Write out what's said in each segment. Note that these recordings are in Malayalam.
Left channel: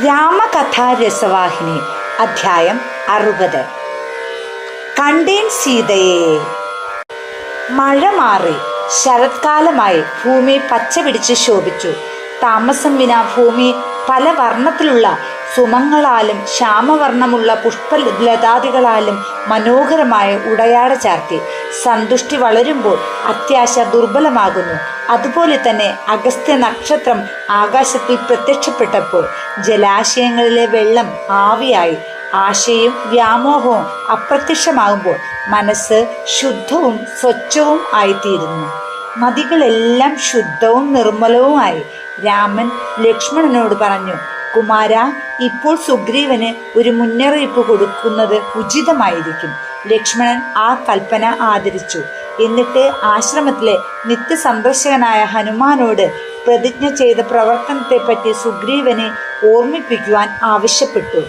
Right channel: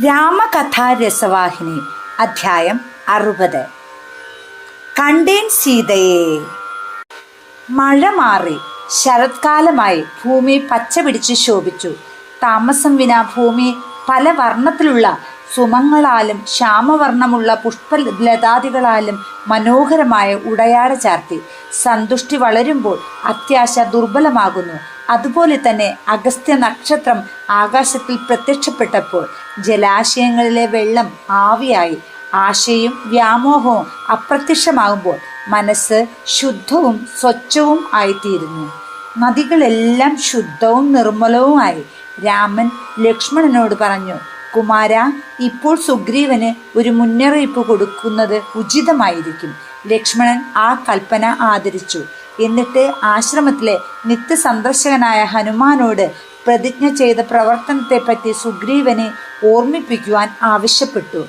രാമകഥാ രസവാഹിനി അധ്യായം 60. കണ്ടേൻ സീതയെ. മഴ മാറി ശരത്കാലമായി ഭൂമി പച്ച പിടിച്ച് ശോഭിച്ചു. താമസം വിന ഭൂമി പല വർണ്ണത്തിലുള്ള സുമങ്ങളാലും ശ്യാമവർണ്ണമുള്ള പുഷ്പലതാദികളാലും മനോഹരമായ ഉടയാട ചാർത്തി. സന്തുഷ്ടി വളരുമ്പോൾ അത്യാശ ദുർബലമാകുന്നു. അതുപോലെ തന്നെ അഗസ്ത്യ നക്ഷത്രം ആകാശത്തിൽ പ്രത്യക്ഷപ്പെട്ടപ്പോൾ ജലാശയങ്ങളിലെ വെള്ളം ആവിയായി. ആശയും വ്യാമോഹവും അപ്രത്യക്ഷമാകുമ്പോൾ മനസ്സ് ശുദ്ധവും സ്വച്ഛവും ആയിത്തീരുന്നു. നദികളെല്ലാം ശുദ്ധവും നിർമ്മലവുമായി. രാമൻ ലക്ഷ്മണനോട് പറഞ്ഞു, കുമാര, ഇപ്പോൾ സുഗ്രീവന് ഒരു മുന്നറിയിപ്പ് കൊടുക്കുന്നത് ഉചിതമായിരിക്കും. ലക്ഷ്മണൻ ആ കൽപ്പന ആദരിച്ചു. എന്നിട്ട് ആശ്രമത്തിലെ നിത്യസന്ദർശകനായ ഹനുമാനോട് പ്രതിജ്ഞ ചെയ്ത പ്രവർത്തനത്തെപ്പറ്റി സുഗ്രീവനെ ഓർമ്മിപ്പിക്കുവാൻ ആവശ്യപ്പെട്ടു.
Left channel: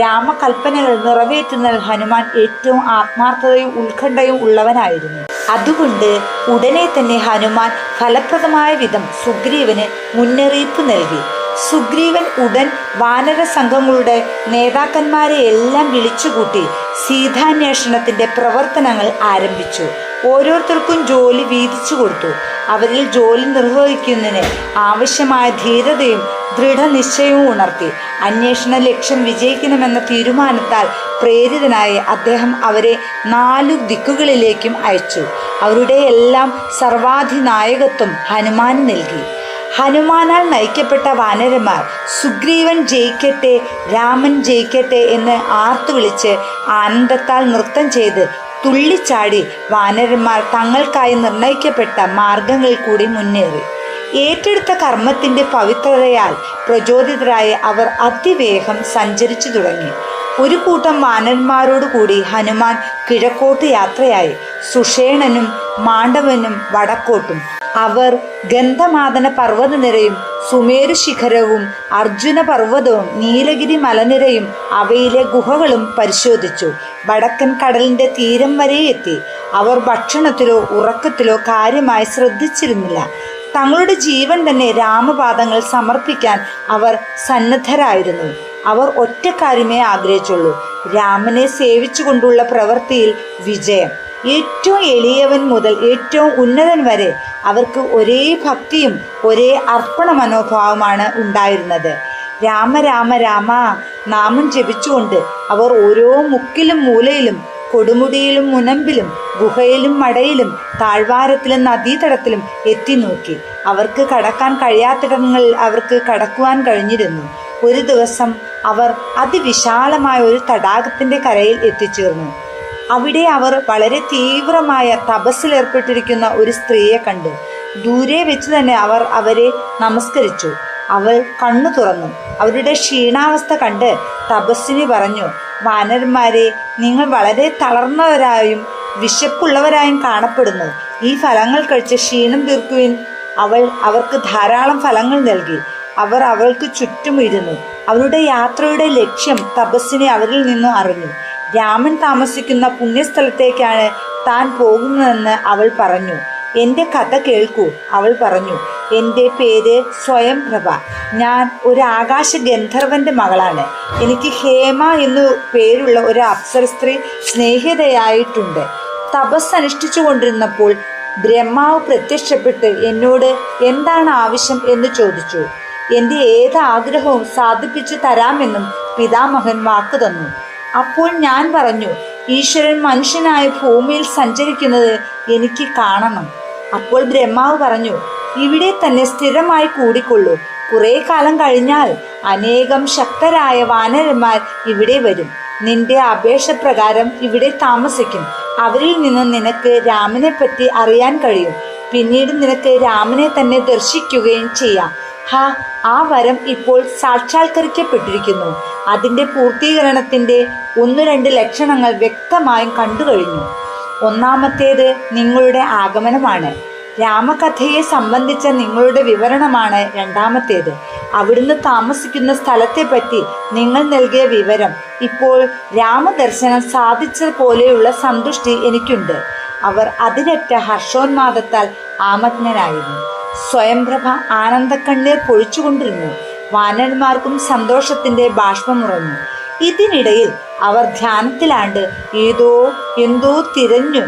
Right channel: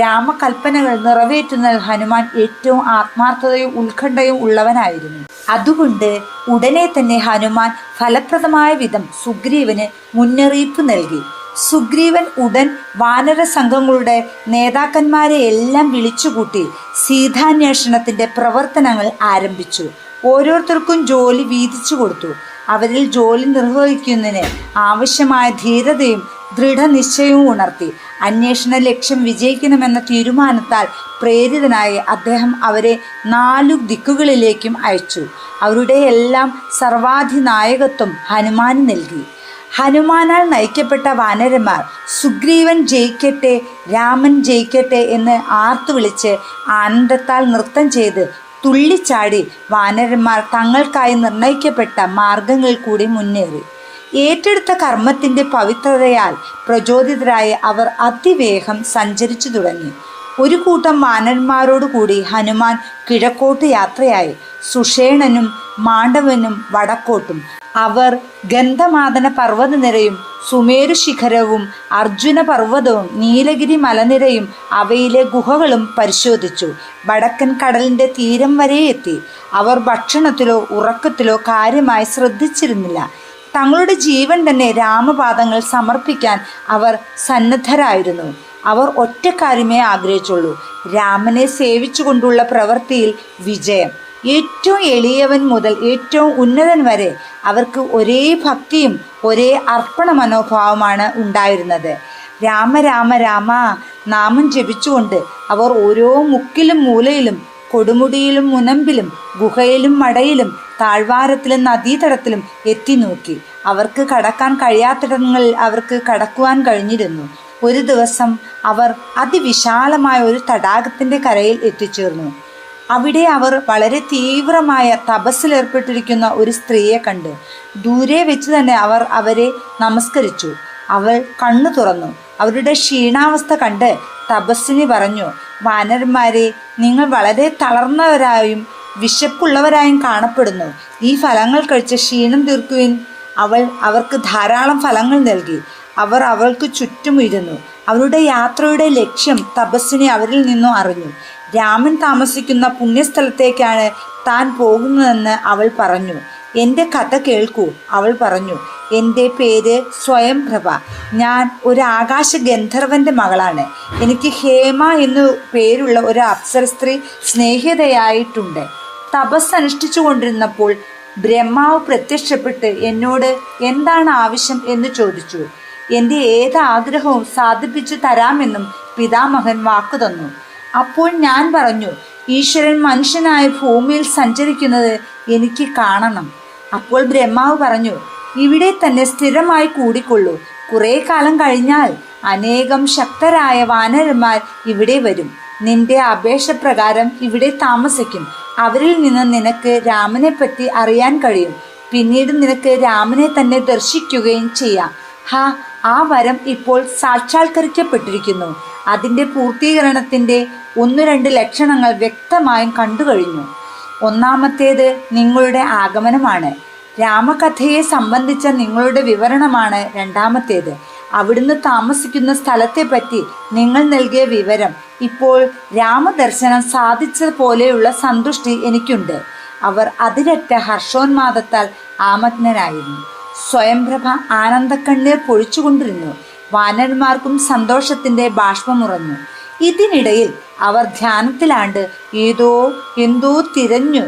രാമകൽപ്പനകൾ നിറവേറ്റുന്നതിൽ ഹനുമാൻ ഏറ്റവും ആത്മാർത്ഥതയും ഉത്കണ്ഠയും ഉള്ളവനായിരുന്നു. അതുകൊണ്ട് ഉടനെ തന്നെ ഹനുമാൻ ഫലപ്രദമായ വിധം സുഗ്രീവന് മുന്നറിയിപ്പ് നൽകി. സുഗ്രീവൻ ഉടൻ വാനര സംഘങ്ങളുടെ നേതാക്കന്മാരെ എല്ലാം വിളിച്ചുകൂട്ടി സീതാന്വേഷണത്തിന്റെ പ്രവർത്തനങ്ങൾ ആരംഭിച്ചു. ഓരോരുത്തർക്കും ജോലി വീതിച്ചു കൊടുത്തു. അവരിൽ ജോലി നിർവഹിക്കുന്നതിന് ആവശ്യമായ ധീരതയും ദൃഢനിശ്ചയവും ഉണർത്തി. അന്വേഷണ ലക്ഷ്യം വിജയിക്കണമെന്ന തീരുമാനത്താൽ പ്രേരിതനായി അദ്ദേഹം അവരെ 4 ദിക്കുകളിലേക്കും അയച്ചു. അവരുടെ എല്ലാം സർവാധിനായകത്വം ഹനുമാന് നൽകി. ഹനുമാനാൽ നയിക്കപ്പെട്ട വാനരന്മാർ സുഗ്രീവൻ ജയിക്കട്ടെ, രാമൻ ജയിക്കട്ടെ എന്ന് ആർത്തു വിളിച്ച് ആനന്ദത്താൽ നൃത്തം ചെയ്ത് തുള്ളിച്ചാടി വാനരന്മാർ തങ്ങൾക്കായി നിർണയിക്കപ്പെട്ട മാർഗങ്ങളിൽ കൂടി മുന്നേറി. ഏറ്റെടുത്ത കർമ്മത്തിന്റെ പവിത്രതയാൽ പ്രചോദിതരായി അവർ അതിവേഗം സഞ്ചരിച്ചു തുടങ്ങി. ഒരു കൂട്ടം വാനരന്മാരോടുകൂടി ഹനുമാൻ കിഴക്കോട്ട് യാത്രയായി. സുഷേണനും മാണ്ഡവനും വടക്കോട്ടും. അവർ ഗന്ധമാദന പർവ്വതനിരയും സുമേരു ശിഖരവും അർജുന പർവ്വതവും നീലഗിരി മലനിരയും അവയിലെ ഗുഹകളും പരിശോധിച്ചു. വടക്കൻ കടലിന്റെ തീരം വരെ എത്തി. അവർ ഭക്ഷണത്തിലോ ഉറക്കത്തിലോ കാര്യമായി ശ്രദ്ധിച്ചിരുന്നില്ല. തങ്ങളുടെ ജീവൻ തന്നെ രാമപാദങ്ങൾ സമർപ്പിക്കാൻ അവർ സന്നദ്ധരായിരുന്നു. അവർ ഒറ്റ കാര്യമേ ആഗ്രഹിച്ചുള്ളൂ: രാമനെ സേവിച്ചുകൊണ്ടുള്ള പ്രവൃത്തിയിൽ വിജയം. ഏറ്റവും എളിയവൻ മുതൽ ഏറ്റവും ഉന്നതൻ വരെ അവർക്ക് ഒരേ ഭക്തിയും ഒരേ അർപ്പണ മനോഭാവമാണ് ഉണ്ടായിരുന്നത്. രാമ രാമ രാമ നാമം ജപിച്ചുകൊണ്ട് അവർ ഓരോ മുക്കിലും മൂലയിലും, കൊടുമുടിയിലും മുനമ്പിലും, ഗുഹയിലും മടയിലും, താഴ്വാരത്തിലും നദീതടത്തിലും എത്തി നോക്കി. അവർക്ക് കടക്കാൻ കഴിയാത്തിടങ്ങളിൽ അവർക്ക് കടക്കുവാൻ കഴിഞ്ഞിരുന്നു. ഒരു ദിവസം അവർ അതിവിശാലമായ ഒരു തടാകത്തിന്റെ കരയിൽ എത്തിച്ചേർന്നു. അവിടെ അവർ വളരെ തീവ്രമായ തപസ്സിലേർപ്പെട്ടിരിക്കുന്ന ഒരു സ്ത്രീയെ കണ്ടു. ദൂരെ വെച്ച് തന്നെ അവർ അവരെ നമസ്കരിച്ചു. അവൾ കണ്ണു തുറന്നു. അവരുടെ ക്ഷീണാവസ്ഥ കണ്ട് തപസ്സിനി പറഞ്ഞു, വാനരന്മാരെ, നിങ്ങൾ വളരെ തളർന്നവരായും വിശപ്പുള്ളവരായും കാണപ്പെടുന്നു. ഈ ഫലങ്ങൾ കഴിച്ച് ക്ഷീണം തീർക്കുവിൻ. അവൾ അവർക്ക് ധാരാളം ഫലങ്ങൾ നൽകി. അവർ അവൾക്ക് ചുറ്റും ഇരുന്നു. അവരുടെ യാത്രയുടെ ലക്ഷ്യം തപസ്സിനെ അവരിൽ നിന്നും അറിഞ്ഞു. രാമൻ താമസിക്കുന്ന പുണ്യസ്ഥലത്തേക്കാണ് താൻ പോകുന്നതെന്ന് അവൾ പറഞ്ഞു. എൻ്റെ കഥ കേൾക്കൂ, അവൾ പറഞ്ഞു. എൻ്റെ പേര് സ്വയംപ്രഭ. ഞാൻ ഒരു ആകാശ ഗന്ധർവന്റെ മകളാണ്. എനിക്ക് ഹേമ എന്നു പേരുള്ള ഒരു അപ്സര സ്ത്രീ സ്നേഹിതയായിട്ടുണ്ട്. തപസ് അനുഷ്ഠിച്ചു കൊണ്ടിരുന്നപ്പോൾ ബ്രഹ്മാവ് പ്രത്യക്ഷപ്പെട്ട് എന്നോട് എന്താണ് ആവശ്യം എന്ന് ചോദിച്ചു. എൻ്റെ ഏത് ആഗ്രഹവും സാധിപ്പിച്ചു തരാമെന്നും പിതാമഹൻ വാക്കു തന്നു. അപ്പോൾ ഞാൻ പറഞ്ഞു, ഈശ്വരൻ മനുഷ്യനായ ഭൂമിയിൽ സഞ്ചരിക്കുന്നത് എനിക്ക് കാണണം. അപ്പോൾ ബ്രഹ്മാവ് പറഞ്ഞു, ഇവിടെ തന്നെ സ്ഥിരമായി കൂടിക്കൊള്ളൂ. കുറെ കാലം കഴിഞ്ഞാൽ അനേകം ശക്തരായ വാനരന്മാർ ഇവിടെ വരും. നിന്റെ അപേക്ഷ പ്രകാരം ഇവിടെ താമസിക്കും. അവരിൽ നിന്ന് നിനക്ക് രാമനെ പറ്റി അറിയാൻ കഴിയും. പിന്നീട് നിനക്ക് രാമനെ തന്നെ ദർശിക്കുകയും ചെയ്യാം. ആ വരം ഇപ്പോൾ സാക്ഷാത്കരിക്കപ്പെട്ടിരിക്കുന്നു. അതിൻ്റെ പൂർത്തീകരണത്തിൻ്റെ 1-2 ലക്ഷണങ്ങൾ വ്യക്തമായും കണ്ടു കഴിഞ്ഞു. ഒന്നാമത്തേത് നിങ്ങളുടെ ആഗമനമാണ്. രാമകഥയെ സംബന്ധിച്ച നിങ്ങളുടെ വിവരണമാണ് രണ്ടാമത്തേത്. അവിടുന്ന് താമസിക്കുന്ന സ്ഥലത്തെപ്പറ്റി നിങ്ങൾ നൽകിയ വിവരം. ഇപ്പോൾ രാമദർശനം സാധിച്ചതുപോലെയുള്ള സന്തുഷ്ടി എനിക്കുണ്ട്. അവർ അതിരറ്റ ഹർഷോന്മാദത്താൽ ആമഗ്നനായിരുന്നു. സ്വയംപ്രഭ ആനന്ദക്കണ്ണീർ പൊഴിച്ചുകൊണ്ടിരുന്നു. വാനരന്മാർക്കും സന്തോഷത്തിന്റെ ബാഷ്പമുറഞ്ഞു. ഇതിനിടയിൽ അവർ ധ്യാനത്തിലാണ്ട് എന്തോ തിരഞ്ഞു.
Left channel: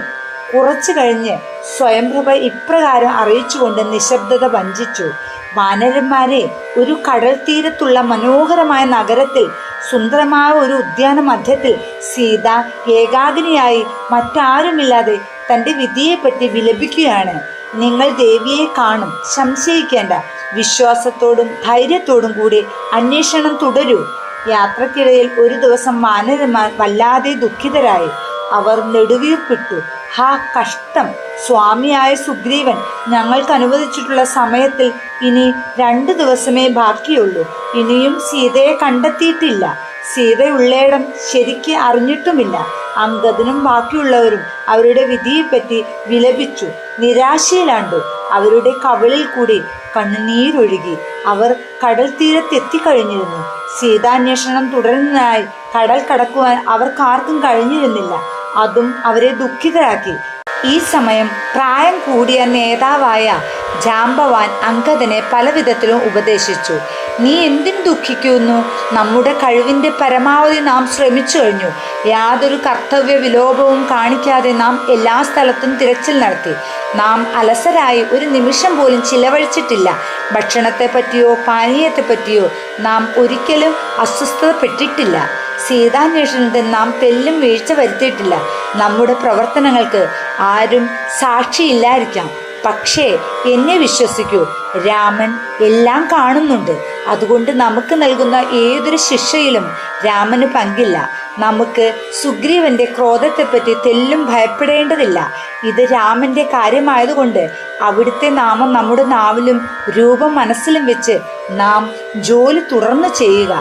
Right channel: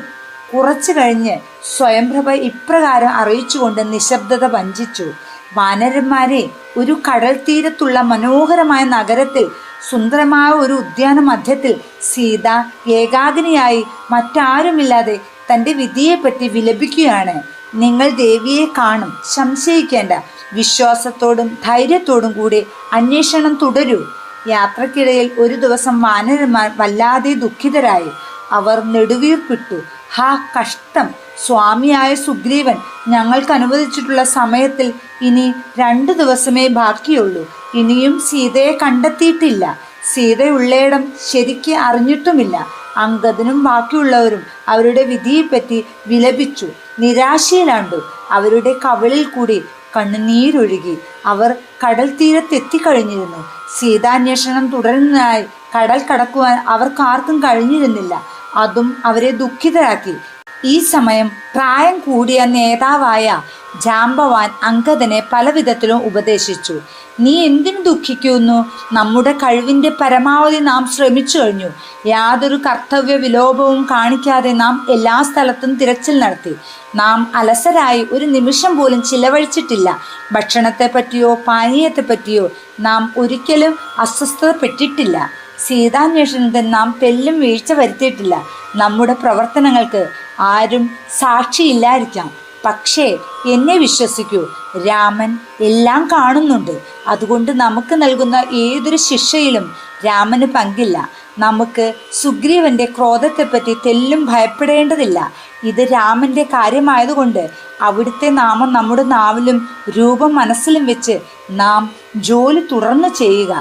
കുറച്ചു കഴിഞ്ഞ് സ്വയംപ്രഭ ഇപ്രകാരം അറിയിച്ചുകൊണ്ട് നിശബ്ദത ഭഞ്ജിച്ചു: വാനരന്മാരെ, ഒരു കടൽ തീരത്തുള്ള മനോഹരമായ നഗരത്തിൽ സുന്ദരമായ ഒരു ഉദ്യാന മധ്യത്തിൽ സീത ഏകാഗ്നിയായി മറ്റാരുമില്ലാതെ തൻ്റെ വിധിയെപ്പറ്റി വിലപിക്കുകയാണ്. നിങ്ങൾ ദേവിയെ കാണും, സംശയിക്കേണ്ട. വിശ്വാസത്തോടും ധൈര്യത്തോടും കൂടി അന്വേഷണം തുടരൂ. യാത്രക്കിടയിൽ ഒരു ദിവസം വാനരന്മാർ വല്ലാതെ ദുഃഖിതരായി. അവർ നെടുവീർപ്പിട്ടു: ഹാ കഷ്ടം! സ്വാമിയായ സുഗ്രീവൻ ഞങ്ങൾക്ക് അനുവദിച്ചിട്ടുള്ള സമയത്തിൽ ഇനി 2 ദിവസമേ ബാക്കിയുള്ളൂ. ഇനിയും സീതയെ കണ്ടെത്തിയിട്ടില്ല. സീതയുള്ളയിടം ശരിക്ക് അറിഞ്ഞിട്ടുമില്ല. അംഗദനും ബാക്കിയുള്ളവരും അവരുടെ വിധിയെപ്പറ്റി വിലപിച്ചു, നിരാശയിലാണ്ടു. അവരുടെ കവിളിൽ കൂടി കണ്ണുനീരൊഴുകി. അവർ കടൽ തീരത്തെത്തിക്കഴിഞ്ഞിരുന്നു. സീതാന്വേഷണം തുടരുന്നതിനായി കടൽ കടക്കുവാൻ അവർക്കാർക്കും കഴിഞ്ഞിരുന്നില്ല. അതും അവരെ ദുഃഖിതരാക്കി. ഈ സമയം പ്രായം കൂടിയ നേതാവായ ജാംബവാൻ അംഗദനെ പലവിധത്തിലും ഉപദേശിച്ചു: നീ എന്തിനു ദുഃഖിക്കുന്നു? നമ്മുടെ കഴിവിൻ്റെ പരമാവധി നാം ശ്രമിച്ചു കഴിഞ്ഞു. യാതൊരു കർത്തവ്യ വിലോപവും കാണിക്കാതെ നാം എല്ലാ സ്ഥലത്തും തിരച്ചിൽ നടത്തി. നാം അലസരായി ഒരു നിമിഷം പോലും ചിലവഴിച്ചിട്ടില്ല. ഭക്ഷണത്തെപ്പറ്റിയോ പാനീയത്തെപ്പറ്റിയോ നാം ഒരിക്കലും അസ്വസ്ഥതപ്പെട്ടിട്ടില്ല. സീതാന്വേഷണത്തിൽ നാം തെല്ലും വീഴ്ച വരുത്തിയിട്ടില്ല. നമ്മുടെ പ്രവർത്തനങ്ങൾക്ക് ആരും സാക്ഷിയില്ലായിരിക്കാം. പക്ഷേ എന്നെ വിശ്വസിക്കൂ, രാമൻ എല്ലാം കാണുന്നുണ്ട്. അതുകൊണ്ട് നമുക്ക് നൽകുന്ന ഏതൊരു ശിക്ഷയിലും രാമന് പങ്കില്ല. നമുക്ക് സുഗ്രീവന്റെ ക്രോധത്തെപ്പറ്റി തെല്ലും ഭയപ്പെടേണ്ടതില്ല. ഇത് രാമന്റെ കാര്യമായതുകൊണ്ട് അവിടുത്തെ നാമം നമ്മുടെ നാവിലും രൂപം മനസ്സിലും വെച്ച് നാം ജോലി തുടർന്ന് ചെയ്യുക.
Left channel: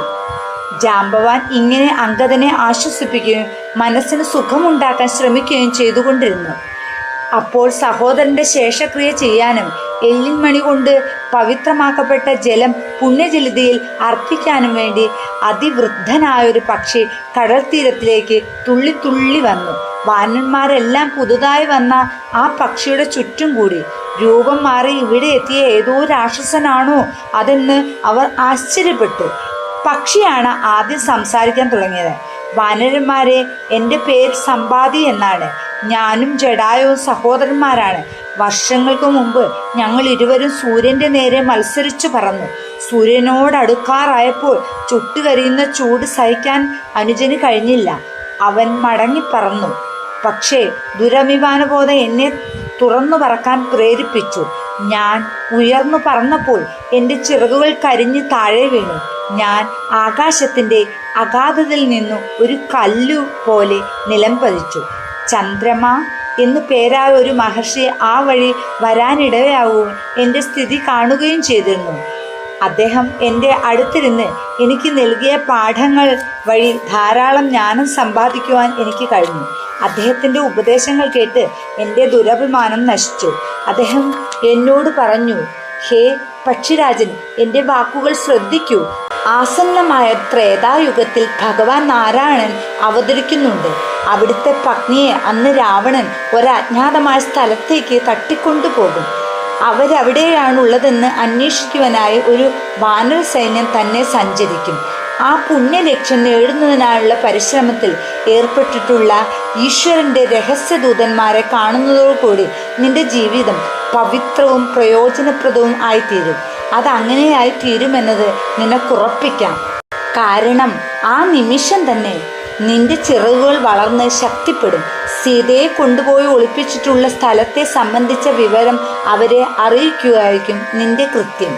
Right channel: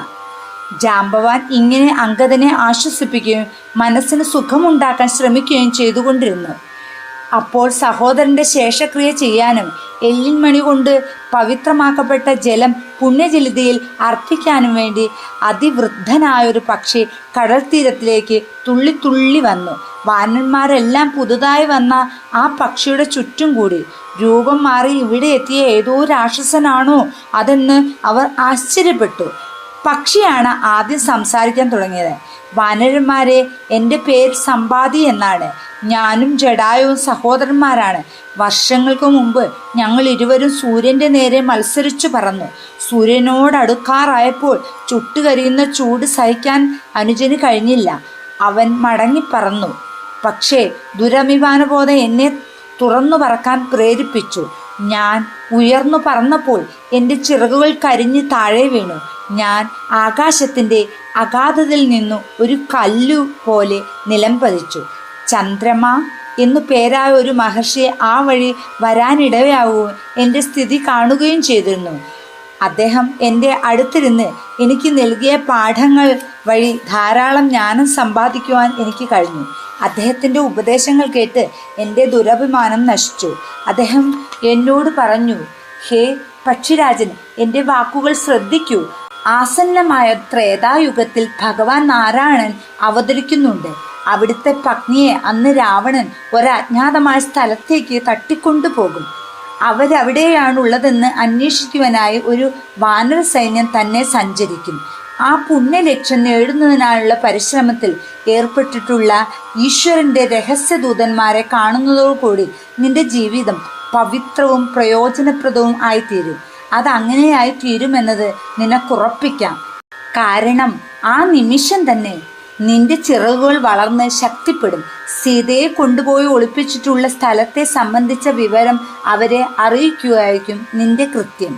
ജാംബവാൻ ഇങ്ങനെ അംഗദനെ ആശ്വസിപ്പിക്കുകയും മനസ്സിന് സുഖമുണ്ടാക്കാൻ ശ്രമിക്കുകയും ചെയ്തുകൊണ്ടിരുന്നു. അപ്പോൾ സഹോദരന്റെ ശേഷക്രിയ ചെയ്യാനും എല്ലിൻമണി കൊണ്ട് പവിത്രമാക്കപ്പെട്ട ജലം പുണ്യജലതിയിൽ അർപ്പിക്കാനും വേണ്ടി അതിവൃദ്ധനായൊരു പക്ഷി കടൽ തീരത്തിലേക്ക് തുള്ളി വന്നു. വാനന്മാരെല്ലാം പുതുതായി വന്ന ആ പക്ഷിയുടെ ചുറ്റും കൂടി. രൂപം മാറി ഇവിടെ എത്തിയ ഏതോ രാക്ഷസനാണോ അതെന്ന് അവർ ആശ്ചര്യപ്പെട്ടു. പക്ഷിയാണ് ആദ്യം സംസാരിക്കാൻ തുടങ്ങിയത്. വാനരന്മാരെ, എൻ്റെ പേര് സമ്പാദി എന്നാണ്. ഞാനും ജടായുവും സഹോദരന്മാരാണ്. വർഷങ്ങൾക്ക് മുമ്പ് ഞങ്ങൾ ഇരുവരും സൂര്യൻ്റെ നേരെ മത്സരിച്ചു പറന്നു. സൂര്യനോടടുക്കാറായപ്പോൾ ചുട്ടുകരിയുന്ന ചൂട് സഹിക്കാൻ അനുജന് കഴിഞ്ഞില്ല. അവൻ മടങ്ങിപ്പറന്നു. പക്ഷേ ദുരഭിമാനബോധം എന്നെ തുറന്നു പറക്കാൻ പ്രേരിപ്പിച്ചു. ഞാൻ ഉയർന്നു പറന്നപ്പോൾ എൻ്റെ ചിറകുകൾ കരിഞ്ഞ് താഴെ വീണു. ഞാൻ ആകാശത്തിൻ്റെ അഗാധതയിൽ നിന്നു ഒരു കല്ലു പോലെ നിലം പതിച്ചു. ചന്ദ്രമ എന്നു പേരായ ഒരു മഹർഷി ആ വഴി വരാനിടയാവുകയും എൻ്റെ സ്ഥിതി കാണുകയും ചെയ്തിരുന്നു. അദ്ദേഹം എൻ്റെ അടുത്തിരുന്ന് എനിക്ക് നൽകിയ പാഠങ്ങൾ വഴി ധാരാളം ജ്ഞാനം സമ്പാദിക്കുവാൻ എനിക്ക് കഴിഞ്ഞു. അദ്ദേഹത്തിൻ്റെ ഉപദേശങ്ങൾ കേട്ട് എൻ്റെ ദുരഭിമാനം നശിച്ചു. അദ്ദേഹം എന്നോട് പറഞ്ഞു: ഹേ പക്ഷിരാജൻ, എൻ്റെ വാക്കുകൾ ശ്രദ്ധിക്കൂ. ആസന്നമായ ത്രേതായുഗത്തിൽ ഭഗവാൻ നാരായണൻ അവതരിക്കുന്നുണ്ട്. അവിടുത്തെ പത്നിയെ അന്ന് രാവണൻ ഒരജ്ഞാതമായ സ്ഥലത്തേക്ക് തട്ടിക്കൊണ്ടുപോകും. അവരവിടെയാണുള്ളതെന്ന് അന്വേഷിക്കുവാനായി ഒരു വാനര സൈന്യം തന്നെ സഞ്ചരിക്കും. ആ പുണ്യലക്ഷ്യം നേടുന്നതിനായുള്ള പരിശ്രമത്തിൽ ഏർപ്പെട്ടിട്ടുള്ള ഈശ്വരൻ്റെ രഹസ്യദൂതന്മാരെ കാണുന്നതോടുകൂടി നിന്റെ ജീവിതം പവിത്രവും പ്രയോജനപ്രദവും ആയിത്തീരും. അതങ്ങനെയായി തീരുമെന്നത് നിനക്കുറപ്പിക്കാം. കാരണം ആ നിമിഷം തന്നെ നിന്റെ ചിറകുകൾ വളർന്ന് ശക്തിപ്പെടും. സീതയെ കൊണ്ടുപോയി ഒളിപ്പിച്ചിട്ടുള്ള സ്ഥലത്തെ സംബന്ധിച്ച വിവരം അവരെ അറിയിക്കുകയായിരിക്കും നിന്റെ കൃത്യം.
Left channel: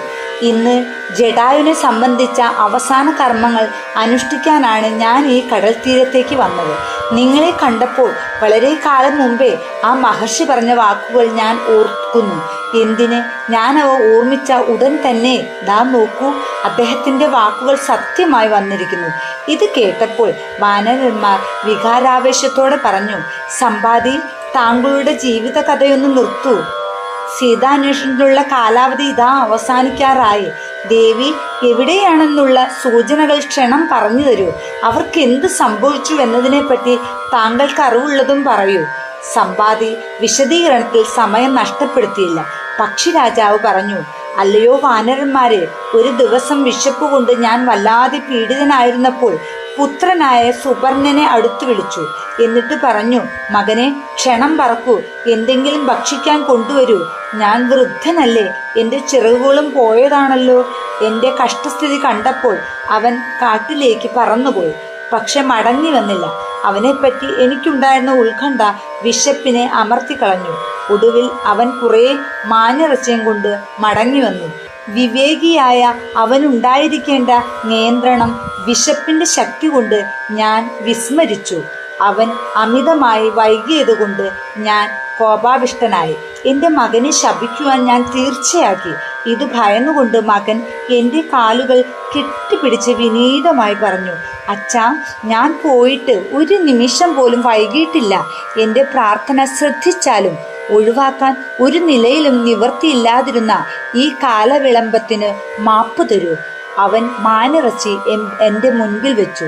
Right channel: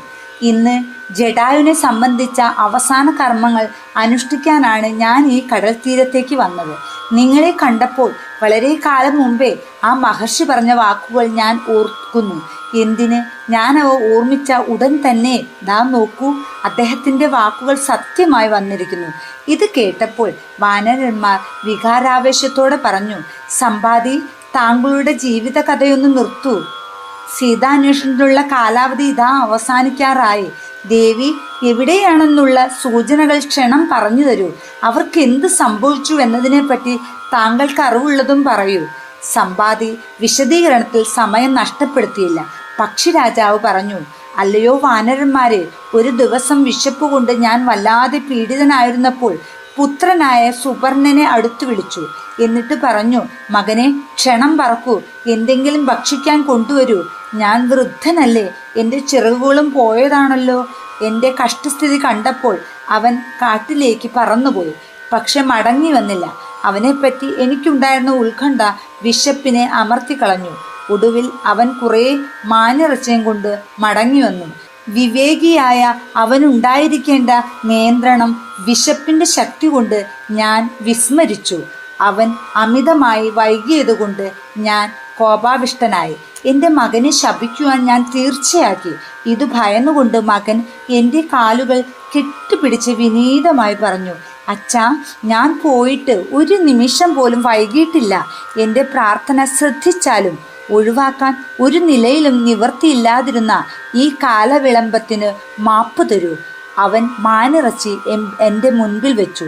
ഇന്ന് ജടായുവിനെ സംബന്ധിച്ച അവസാന കർമ്മങ്ങൾ അനുഷ്ഠിക്കാനാണ് ഞാൻ ഈ കടൽ തീരത്തേക്ക് വന്നത്. നിങ്ങളെ കണ്ടപ്പോൾ വളരെ കാലം മുമ്പേ ആ മഹർഷി പറഞ്ഞ വാക്കുകൾ ഞാൻ ഓർക്കുന്നു. എന്തിന്? ഞാൻ അവ ഓർമ്മിച്ച ഉടൻ തന്നെ ദാ നോക്കൂ, അദ്ദേഹത്തിൻ്റെ വാക്കുകൾ സത്യമായി വന്നിരിക്കുന്നു. ഇത് കേട്ടപ്പോൾ വാനരന്മാർ വികാരാവേശത്തോടെ പറഞ്ഞു: സമ്പാദി, താങ്കളുടെ ജീവിത കഥയൊന്ന് നിർത്തൂ. സീതാന്വേഷണത്തിനുള്ള കാലാവധി ഇതാ അവസാനിക്കാറായി. ദേവി എവിടെയാണെന്നുള്ള സൂചനകൾ ക്ഷണം പറഞ്ഞു തരൂ. അവർക്ക് എന്ത് സംഭവിച്ചു എന്നതിനെപ്പറ്റി താങ്കൾക്ക് അറിവുള്ളതും പറയൂ. സമ്പാദി വിശദീകരണത്തിൽ സമയം നഷ്ടപ്പെടുത്തിയില്ല. പക്ഷിരാജാവ് പറഞ്ഞു: അല്ലയോ വാനരന്മാരെ, ഒരു ദിവസം വിശപ്പ് കൊണ്ട് ഞാൻ വല്ലാതെ പീഡിതനായിരുന്നപ്പോൾ പുത്രനായ സുപർണനെ അടുത്തു വിളിച്ചു. എന്നിട്ട് പറഞ്ഞു, മകനെ, ക്ഷണം പറക്കൂ, എന്തെങ്കിലും ഭക്ഷിക്കാൻ കൊണ്ടുവരൂ. ഞാൻ വൃദ്ധനല്ലേ, എൻ്റെ ചിറകുകളും പോയതാണല്ലോ. എൻ്റെ കഷ്ടസ്ഥിതി കണ്ടപ്പോൾ അവൻ കാട്ടിലേക്ക് പറന്നുപോയി, പക്ഷെ മടങ്ങി വന്നില്ല. അവനെപ്പറ്റി എനിക്കുണ്ടായിരുന്ന ഉത്കണ്ഠ വിശപ്പിനെ അമർത്തിക്കളഞ്ഞു. ഒടുവിൽ അവൻ കുറേ മാനിറച്ചിയും കൊണ്ട് മടങ്ങി വന്നു. വിവേകിയായ അവനുണ്ടായിരിക്കേണ്ട നിയന്ത്രണം വിശപ്പിൻ്റെ ശക്തി കൊണ്ട് ഞാൻ വിസ്മരിച്ചു. അവൻ അമിതമായി വൈകിയതുകൊണ്ട് ഞാൻ കോപാവിഷ്ടനായി. എൻ്റെ മകനെ ശപിക്കുവാൻ ഞാൻ തീർച്ചയാക്കി. ഇത് ഭയന്നുകൊണ്ട് മകൻ എൻ്റെ കാലുകൾ കെട്ടിപ്പിടിച്ച് വിനീതമായി പറഞ്ഞു, അച്ഛാ, ഞാൻ പോയിട്ട് ഒരു നിമിഷം പോലും വൈകിയിട്ടില്ല. എൻ്റെ പ്രാർത്ഥന ശ്രദ്ധിച്ചാലും ഒഴിവാക്കാൻ ഒരു നിലയിലും നിവൃത്തിയില്ലാതിരുന്ന ഈ കാലവിളംബത്തിന് മാപ്പ് തരൂ. അവൻ മാനിറച്ചി എൻ്റെ മുൻപിൽ വെച്ചു.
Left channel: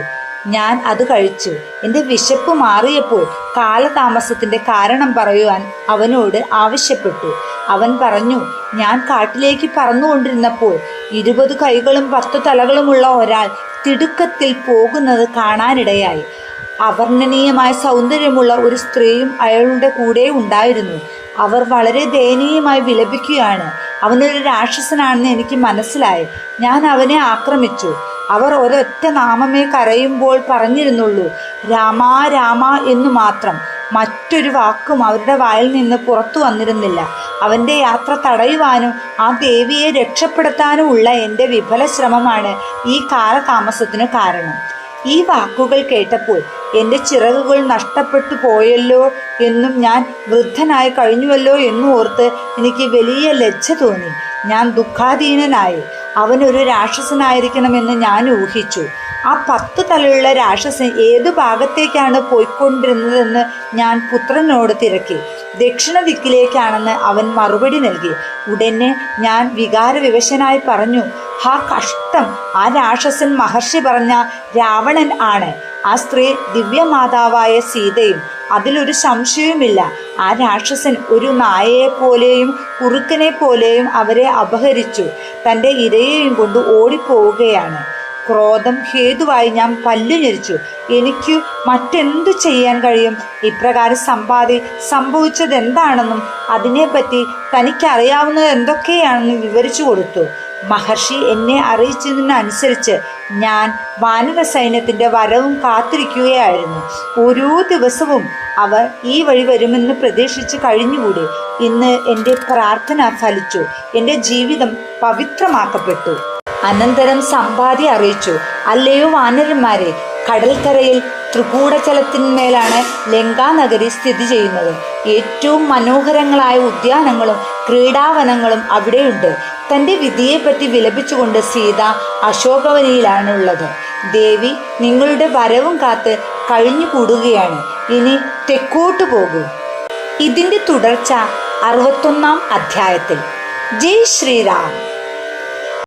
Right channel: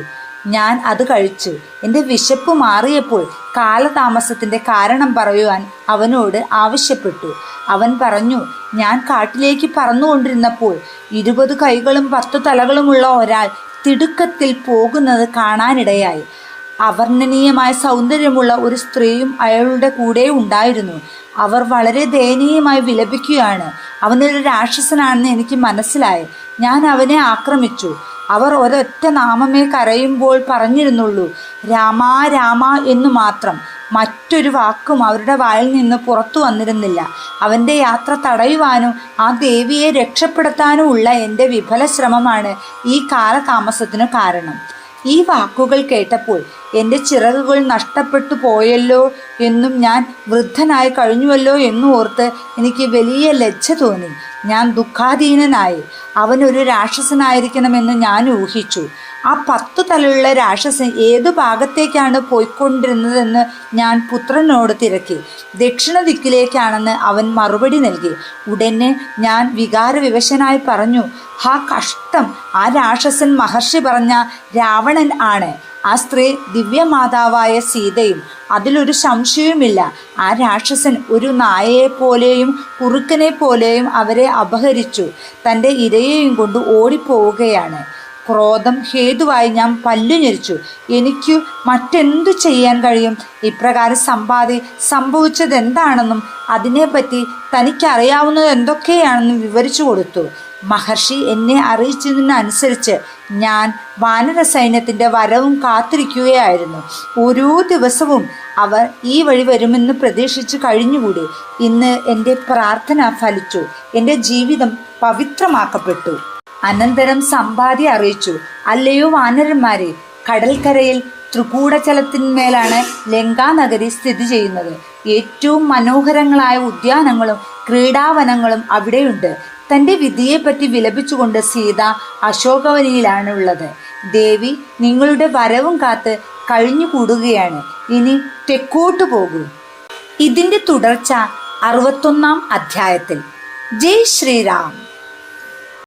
ഞാൻ അത് കഴിച്ചു. എൻ്റെ വിശപ്പ് മാറിയപ്പോൾ കാലതാമസത്തിൻ്റെ കാരണം പറയുവാൻ അവനോട് ആവശ്യപ്പെട്ടു. അവൻ പറഞ്ഞു, ഞാൻ കാട്ടിലേക്ക് പറന്നുകൊണ്ടിരുന്നപ്പോൾ 20 കൈകളും 10 തലകളുമുള്ള ഒരാൾ തിടുക്കത്തിൽ പോകുന്നത് കാണാനിടയായി. അവർണ്ണനീയമായ സൗന്ദര്യമുള്ള ഒരു സ്ത്രീയും അയാളുടെ കൂടെ ഉണ്ടായിരുന്നു. അവർ വളരെ ദയനീയമായി വിലപിക്കുകയാണ്. അവനൊരു രാക്ഷസനാണെന്ന് എനിക്ക് മനസ്സിലായി. ഞാൻ അവനെ ആക്രമിച്ചു. അവർ ഒരൊറ്റ നാമമേ കരയുമ്പോൾ പറഞ്ഞിരുന്നുള്ളൂ, രാമാ രാമാ എന്നു മാത്രം. മറ്റൊരു വാക്കും അവരുടെ വായിൽ നിന്ന് പുറത്തു വന്നിരുന്നില്ല. അവൻ്റെ യാത്ര തടയുവാനും ആ ദേവിയെ രക്ഷപ്പെടുത്താനും ഉള്ള എൻ്റെ വിഫല ശ്രമമാണ് ഈ കാലതാമസത്തിനു കാരണം. ഈ വാക്കുകൾ കേട്ടപ്പോൾ എൻ്റെ ചിറകുകൾ നഷ്ടപ്പെട്ടു പോയല്ലോ എന്നും ഞാൻ വൃദ്ധനായി കഴിഞ്ഞുവല്ലോ എന്നും ഓർത്ത് എനിക്ക് വലിയ ലജ്ജ തോന്നി. ഞാൻ ദുഃഖാധീനനായി. അവനൊരു രാക്ഷസനായിരിക്കണമെന്ന് ഞാൻ ഊഹിച്ചു. ആ 10 തലയുള്ള രാക്ഷസൻ ഏതു ഭാഗത്തേക്കാണ് പോയിക്കൊണ്ടിരുന്നതെന്ന് ഞാൻ പുത്രനോട് തിരക്കി. ദക്ഷിണ ദിക്കിലേക്കാണെന്ന് അവൻ മറുപടി നൽകി. ഉടനെ ഞാൻ വികാരവിവശനായി പറഞ്ഞു, ഹാ കഷ്ടം! ആ രാക്ഷസൻ മഹർഷി പറഞ്ഞ രാവണൻ ആണ്. ആ സ്ത്രീ ദിവ്യമാതാവായ സീതയും. അതിലൊരു സംശയവുമില്ല. ആ രാക്ഷസൻ ഒരു നായയെപ്പോലെയും കുറുക്കനെ പോലെയും അവരെ അപഹരിച്ചു തൻ്റെ ഇരയെയും കൊണ്ട് ഓടിപ്പോവുകയാണ്. ക്രോധം ഹേതുവായി ഞാൻ പല്ലു ഞെരിച്ചു. എനിക്ക് മറ്റെന്തു ചെയ്യാൻ കഴിയും? ഇപ്രകാരം സംഭവിച്ചത് എന്താണെന്നും അതിനെപ്പറ്റി തനിക്കറിയാവുന്നത് എന്തൊക്കെയാണെന്നും വിവരിച്ചു കൊടുത്തു. മഹർഷി എന്നെ അറിയിച്ചതിനനുസരിച്ച് ഞാൻ വാനര സൈന്യത്തിൻ്റെ വരവും കാത്തിരിക്കുകയായിരുന്നു. ഓരോ ദിവസവും അവർ ഈ വഴി വരുമെന്ന് പ്രതീക്ഷിച്ച് കഴിഞ്ഞുകൂടി. ഇന്ന് എൻ്റെ പ്രാർത്ഥന ഫലിച്ചു. എൻ്റെ ജീവിതം പവിത്രമാക്കപ്പെട്ടു. അനന്തരം സമ്പാദി അറിയിച്ചു, അല്ലയോ വാനരന്മാരെ, കടൽക്കരയിൽ ത്രികൂടജലത്തിന്മേലാണ് ലങ്കാനഗരി സ്ഥിതി ചെയ്യുന്നത്. ഏറ്റവും മനോഹരങ്ങളായ ഉദ്യാനങ്ങളും ക്രീഡാവനങ്ങളും അവിടെയുണ്ട്. തൻ്റെ വിധിയെപ്പറ്റി വിലപിച്ചുകൊണ്ട് സീത അശോകവനിയിലാണുള്ളത്. ദേവി നിങ്ങളുടെ വരവും കാത്ത് കഴിഞ്ഞുകൂടുകയാണ്. ഇനി തെക്കോട്ട് പോകൂ. ഇതിൻ്റെ തുടർച്ച 61-ാം അധ്യായത്തിൽ. ജയ് ശ്രീറാം.